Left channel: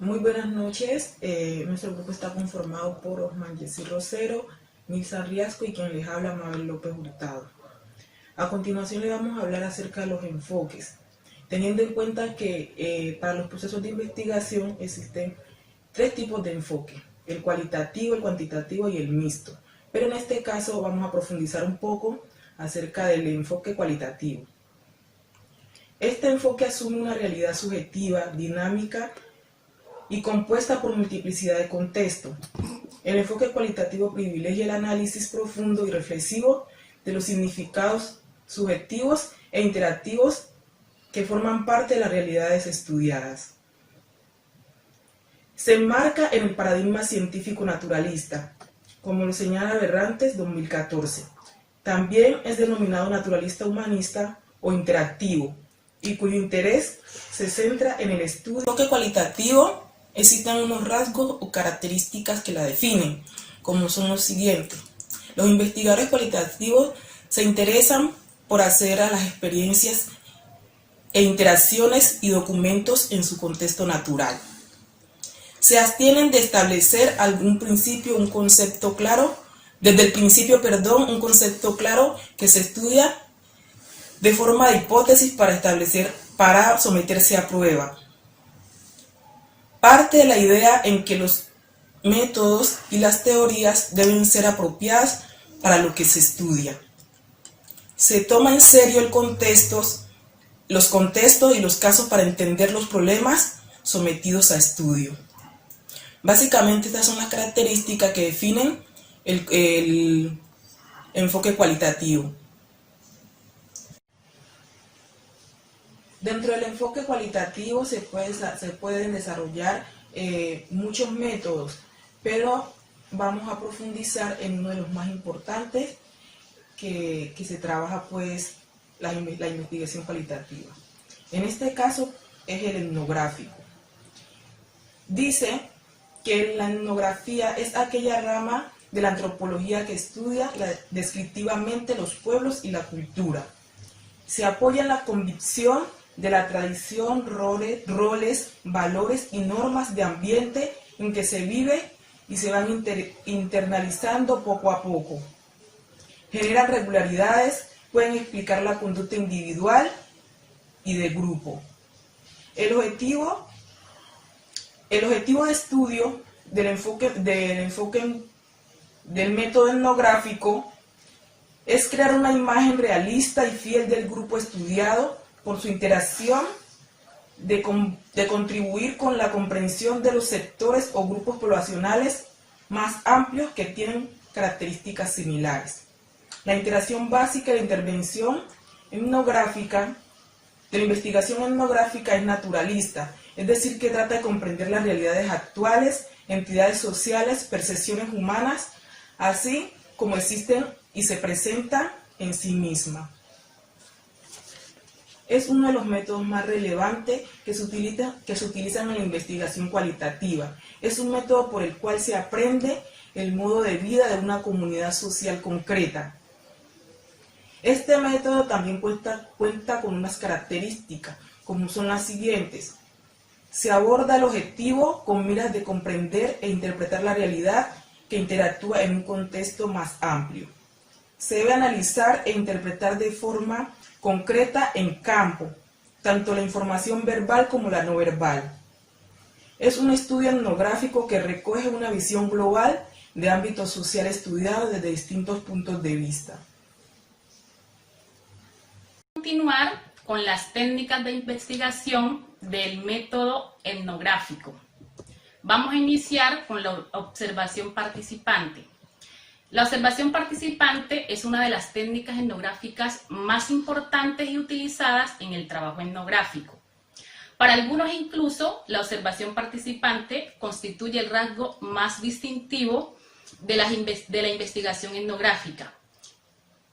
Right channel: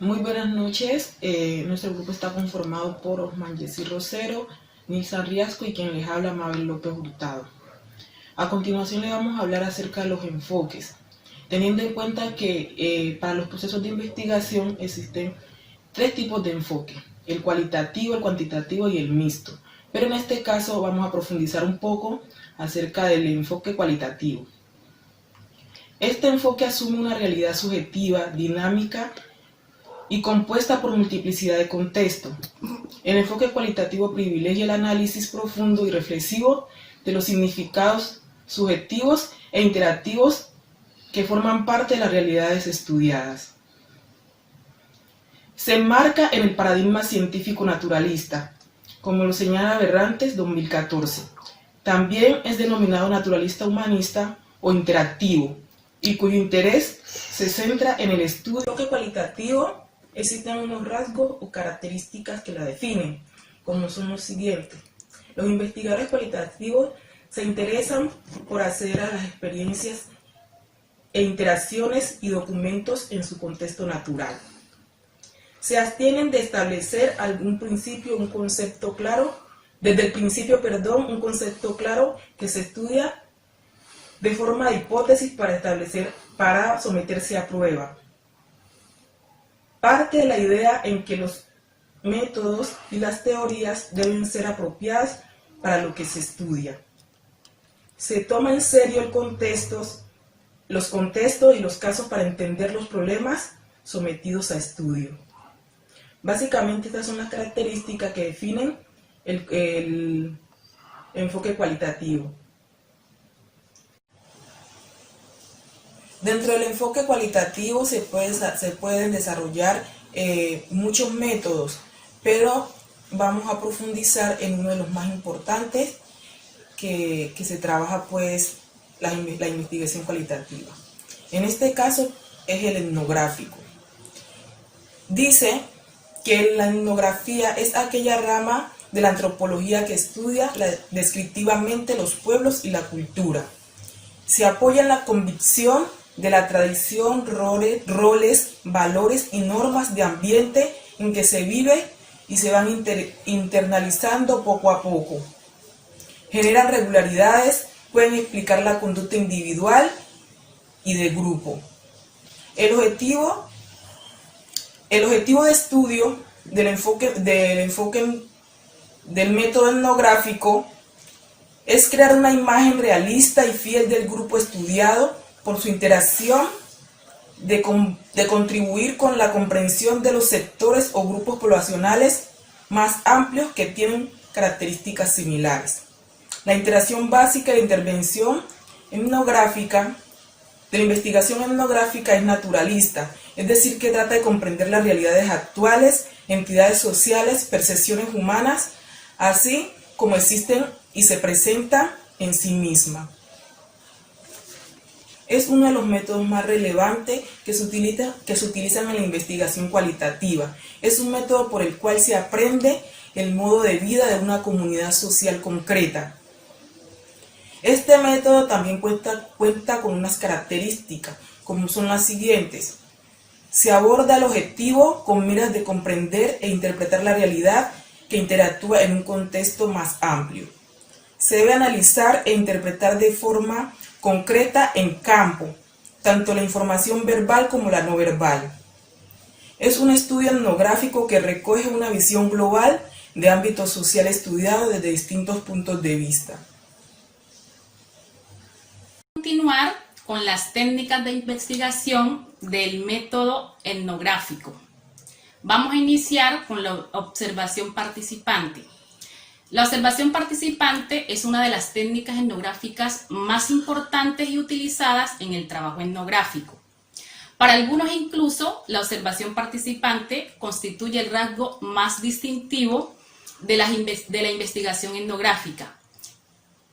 Muy buenas noches. Nuestro grupo está conformado por Osman Jessy Rosero, Nilsa Riasco y quien les habla, Mabel López Hurtado. A continuación le vamos a hablar acerca de los enfoques, teniendo en cuenta que para los procesos de investigación existen tres tipos de enfoque: el cualitativo, el cuantitativo y el mixto. Pero en este caso vamos a profundizar un poco acerca del enfoque cualitativo. Este enfoque asume una realidad subjetiva, dinámica y compuesta por multiplicidad de contextos. El enfoque cualitativo privilegia el análisis profundo y reflexivo de los significados subjetivos e interactivos que forman parte de las realidades estudiadas. Se enmarca en el paradigma científico naturalista, como lo señala Berrantes 2014. También es denominado naturalista humanista o interactivo, y cuyo interés se centra en el estudio. El enfoque cualitativo existen unos rasgos o características que la definen, como son los siguientes. Los investigadores cualitativos se interesan por acceder a las experiencias e interacciones y documentos en su contexto natural. Se abstienen de establecer algún principio, un concepto claro, un concepto claro que se estudia de forma de hipótesis para someterse a prueba. Parte de la idea en que los métodos y las teorías deben ser apropiadas para lo que se estudia. Se toma en serio los contextos y los casos para entender los problemas sometidos a estudio. Básicamente estas son las características que definen el enfoque cualitativo. Dentro del enfoque cualitativo se pueden desarrollar muchos métodos, pero vamos a profundizar en uno de los más importantes que se trabaja, pues, la investigación cualitativa. En este caso es el etnográfico. Dice que la etnografía es aquella rama de la antropología que estudia descriptivamente los pueblos y la cultura. Se apoya en la convicción de la tradición, roles, valores y normas de ambiente en que se vive y se van internalizando poco a poco. Generan regularidades, pueden explicar la conducta individual y de grupo. El objetivo de estudio del método etnográfico es crear una imagen realista y fiel del grupo estudiado por su interacción, de contribuir con la comprensión de los sectores o grupos poblacionales más amplios que tienen características similares. La interacción básica de la intervención etnográfica, de la investigación etnográfica, es naturalista, es decir, que trata de comprender las realidades actuales, entidades sociales, percepciones humanas, así como existen y se presentan en sí misma. Es uno de los métodos más relevantes que se utilizan en la investigación cualitativa. Es un método por el cual se aprende el modo de vida de una comunidad social concreta. Este método también cuenta con unas características, como son las siguientes. Se aborda el objetivo con miras de comprender e interpretar la realidad que interactúa en un contexto más amplio. Se debe analizar e interpretar de forma concreta en campo, tanto la información verbal como la no verbal. Es un estudio etnográfico que recoge una visión global de ámbito social estudiado desde distintos puntos de vista. Continuar con las técnicas de investigación del método etnográfico. Vamos a iniciar con la observación participante. La observación participante es una de las técnicas etnográficas más importantes y utilizadas en el trabajo etnográfico. Para algunos incluso, la observación participante constituye el rasgo más distintivo de la investigación etnográfica.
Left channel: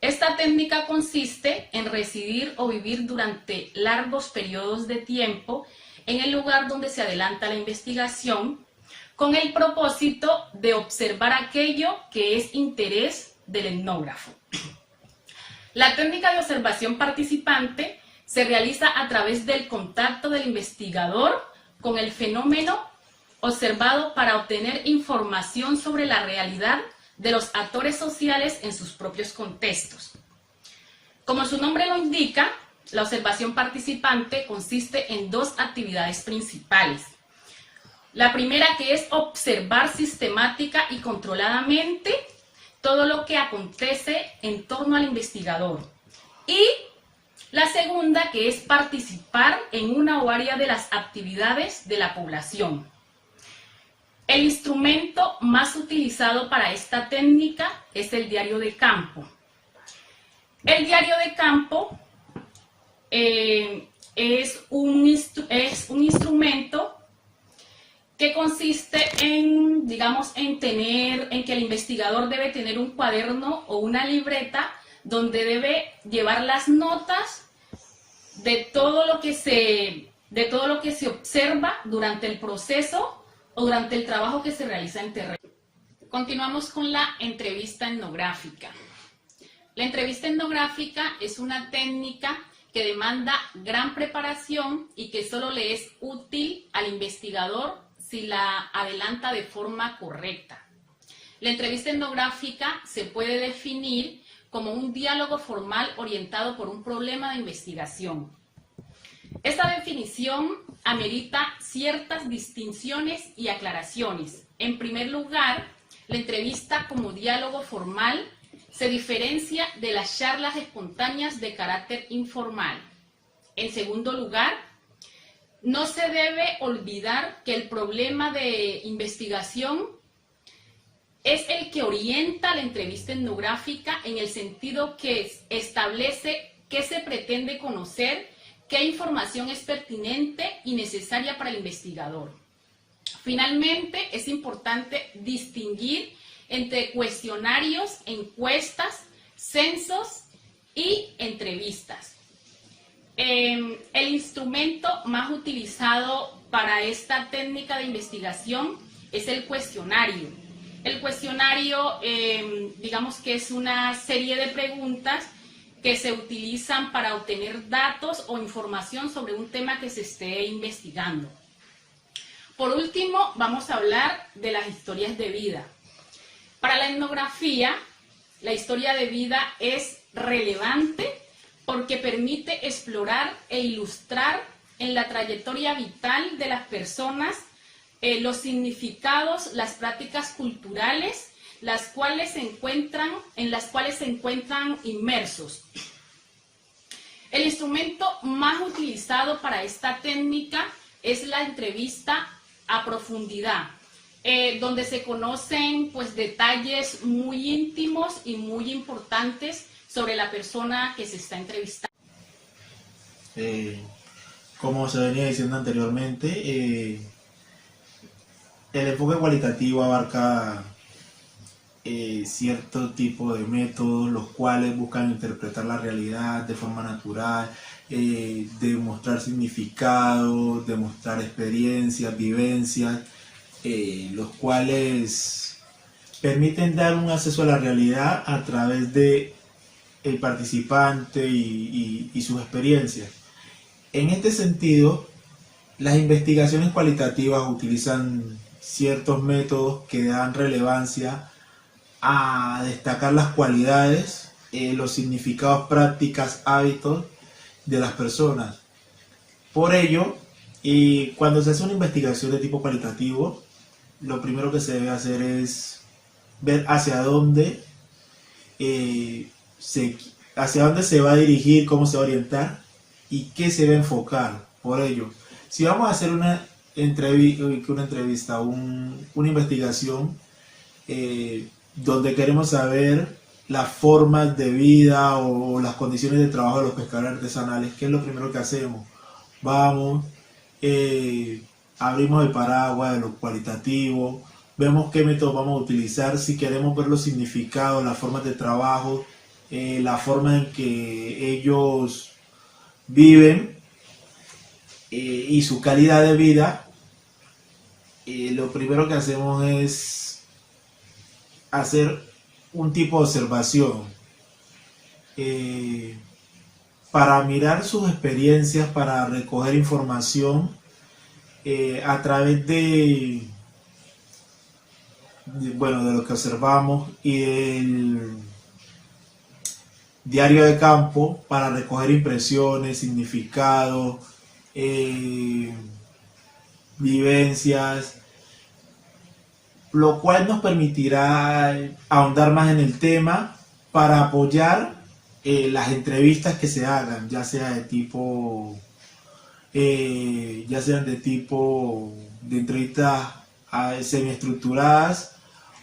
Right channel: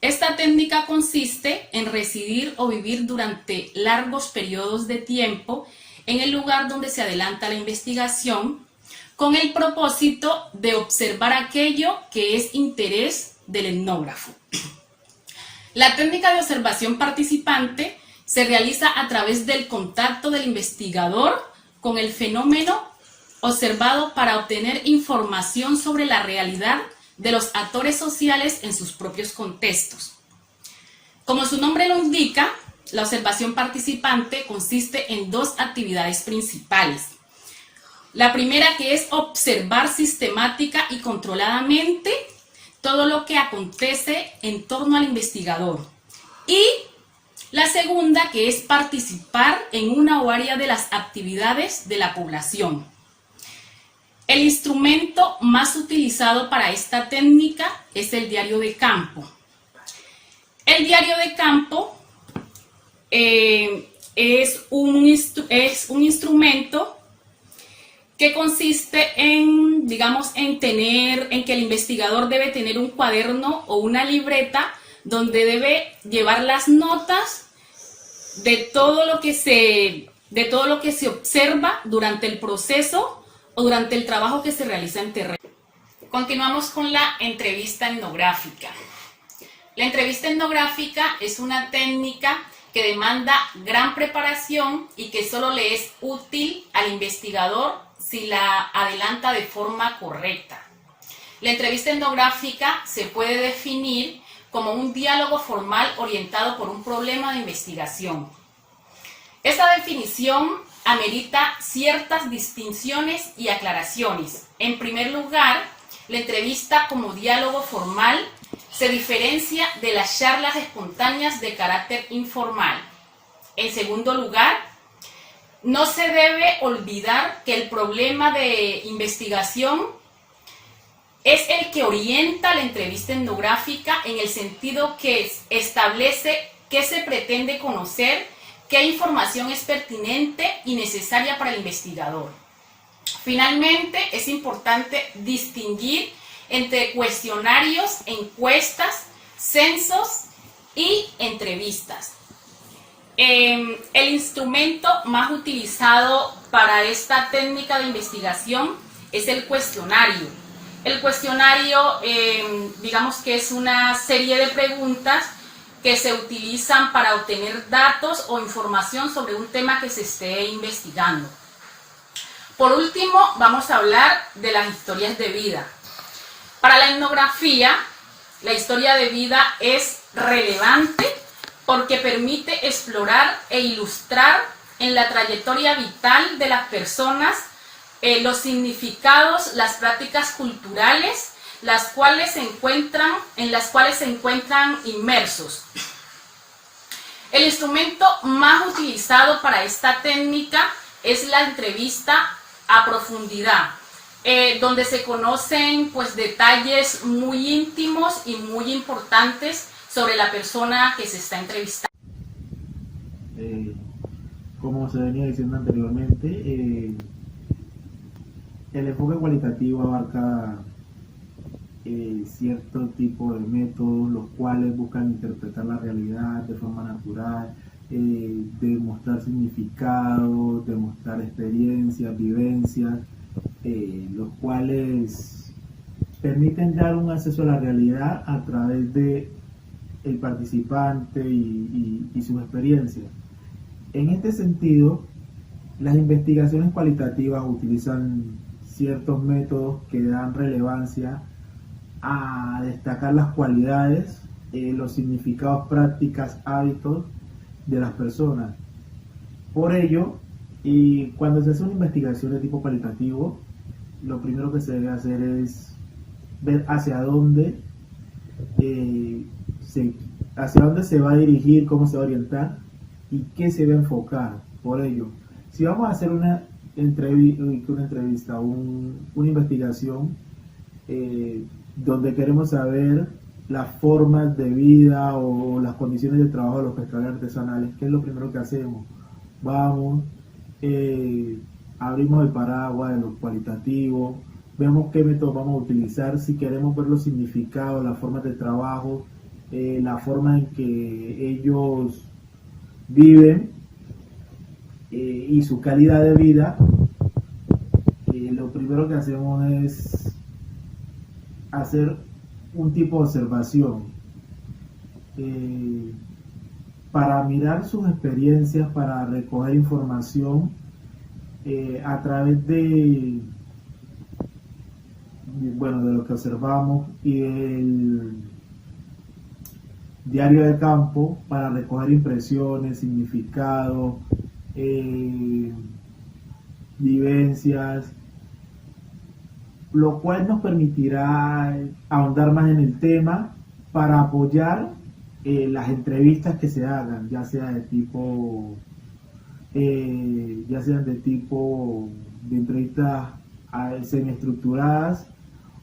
Esta técnica consiste en residir o vivir durante largos periodos de tiempo en el lugar donde se adelanta la investigación, con el propósito de observar aquello que es interés del etnógrafo. La técnica de observación participante se realiza a través del contacto del investigador con el fenómeno observado para obtener información sobre la realidad de los actores sociales en sus propios contextos. Como su nombre lo indica, la observación participante consiste en dos actividades principales. La primera, que es observar sistemática y controladamente todo lo que acontece en torno al investigador. Y la segunda, que es participar en una o varias de las actividades de la población. El instrumento más utilizado para esta técnica es el diario de campo. El diario de campo es un instrumento que consiste en, en que el investigador debe tener un cuaderno o una libreta donde debe llevar las notas de todo lo que se observa durante el proceso o durante el trabajo que se realiza en terreno. Continuamos con la entrevista etnográfica. La entrevista etnográfica es una técnica que demanda gran preparación y que solo le es útil al investigador si la adelanta de forma correcta. La entrevista etnográfica se puede definir como un diálogo formal orientado por un problema de investigación. Esta definición amerita ciertas distinciones y aclaraciones. En primer lugar, la entrevista como diálogo formal se diferencia de las charlas espontáneas de carácter informal. En segundo lugar, no se debe olvidar que el problema de investigación es el que orienta la entrevista etnográfica en el sentido que establece qué se pretende conocer, qué información es pertinente y necesaria para el investigador. Finalmente, es importante distinguir entre cuestionarios, encuestas, censos y entrevistas. El instrumento más utilizado para esta técnica de investigación es el cuestionario. El cuestionario, digamos que es una serie de preguntas que se utilizan para obtener datos o información sobre un tema que se esté investigando. Por último, vamos a hablar de las historias de vida. Para la etnografía, la historia de vida es relevante porque permite explorar e ilustrar en la trayectoria vital de las personas los significados, las prácticas culturales, en las cuales se encuentran inmersos. El instrumento más utilizado para esta técnica es la entrevista a profundidad, donde se conocen detalles muy íntimos y muy importantes sobre la persona que se está entrevistando. Como se venía diciendo anteriormente, el enfoque cualitativo abarca cierto tipo de métodos, los cuales buscan interpretar la realidad de forma natural, demostrar significado, demostrar experiencias, vivencias, los cuales permiten dar un acceso a la realidad a través de el participante y sus experiencias. En este sentido, las investigaciones cualitativas utilizan ciertos métodos que dan relevancia a destacar las cualidades, los significados, prácticas, hábitos de las personas. Por ello, cuando se hace una investigación de tipo cualitativo, lo primero que se debe hacer es ver hacia dónde se va a dirigir, cómo se va a orientar y qué se va a enfocar. Por ello, si vamos a hacer una entrevista, una investigación donde queremos saber las formas de vida o las condiciones de trabajo de los pescadores artesanales, ¿qué es lo primero que hacemos? Vamos, abrimos el paraguas de lo cualitativo, vemos qué métodos vamos a utilizar, si queremos ver los significados, las formas de trabajo, la forma en que ellos viven y su calidad de vida. Lo primero que hacemos es hacer un tipo de observación para mirar sus experiencias, para recoger información a través de lo que observamos y el diario de campo para recoger impresiones, significados, vivencias, lo cual nos permitirá ahondar más en el tema para apoyar las entrevistas que se hagan, ya sean de entrevistas semiestructuradas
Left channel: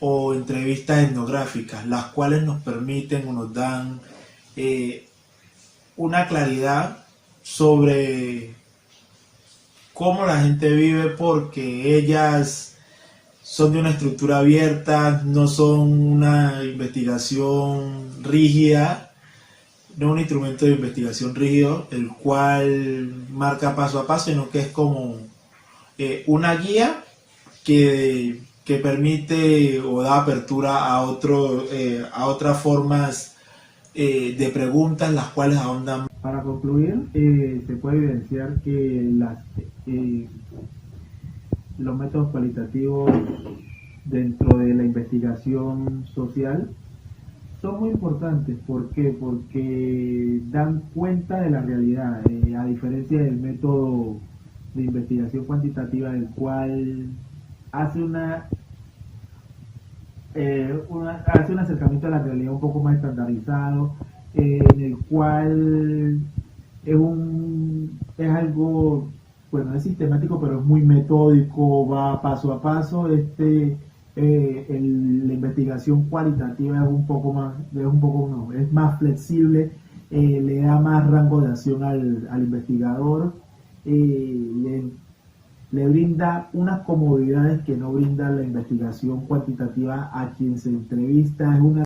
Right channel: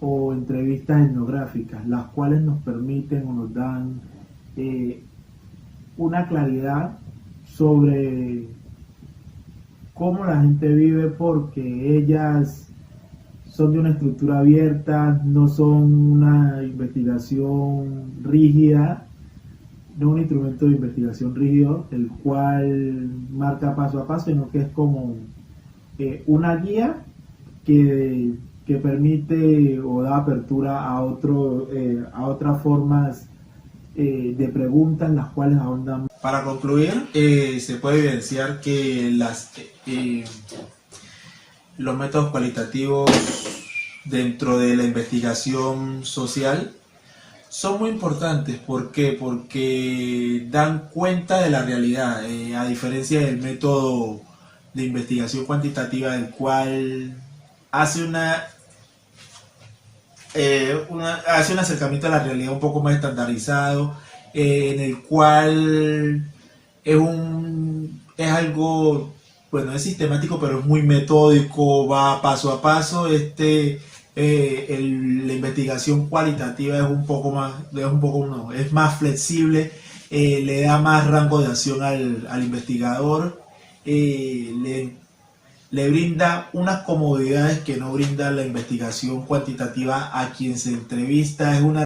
o entrevistas etnográficas, las cuales nos permiten o nos dan una claridad sobre cómo la gente vive, porque ellas son de una estructura abierta, no son una investigación rígida, no un instrumento de investigación rígido, el cual marca paso a paso, sino que es como una guía que permite o da apertura a otras formas de preguntas, las cuales ahondan. Para concluir, se puede evidenciar que los métodos cualitativos dentro de la investigación social son muy importantes. ¿Por qué? Porque dan cuenta de la realidad, a diferencia del método de investigación cuantitativa, el cual hace un acercamiento a la realidad un poco más estandarizado, en el cual es algo, bueno, es sistemático, pero es muy metódico, va paso a paso. La investigación cualitativa es más flexible, le da más rango de acción al investigador, le brinda unas comodidades que no brinda la investigación cuantitativa a quien se entrevista. Es una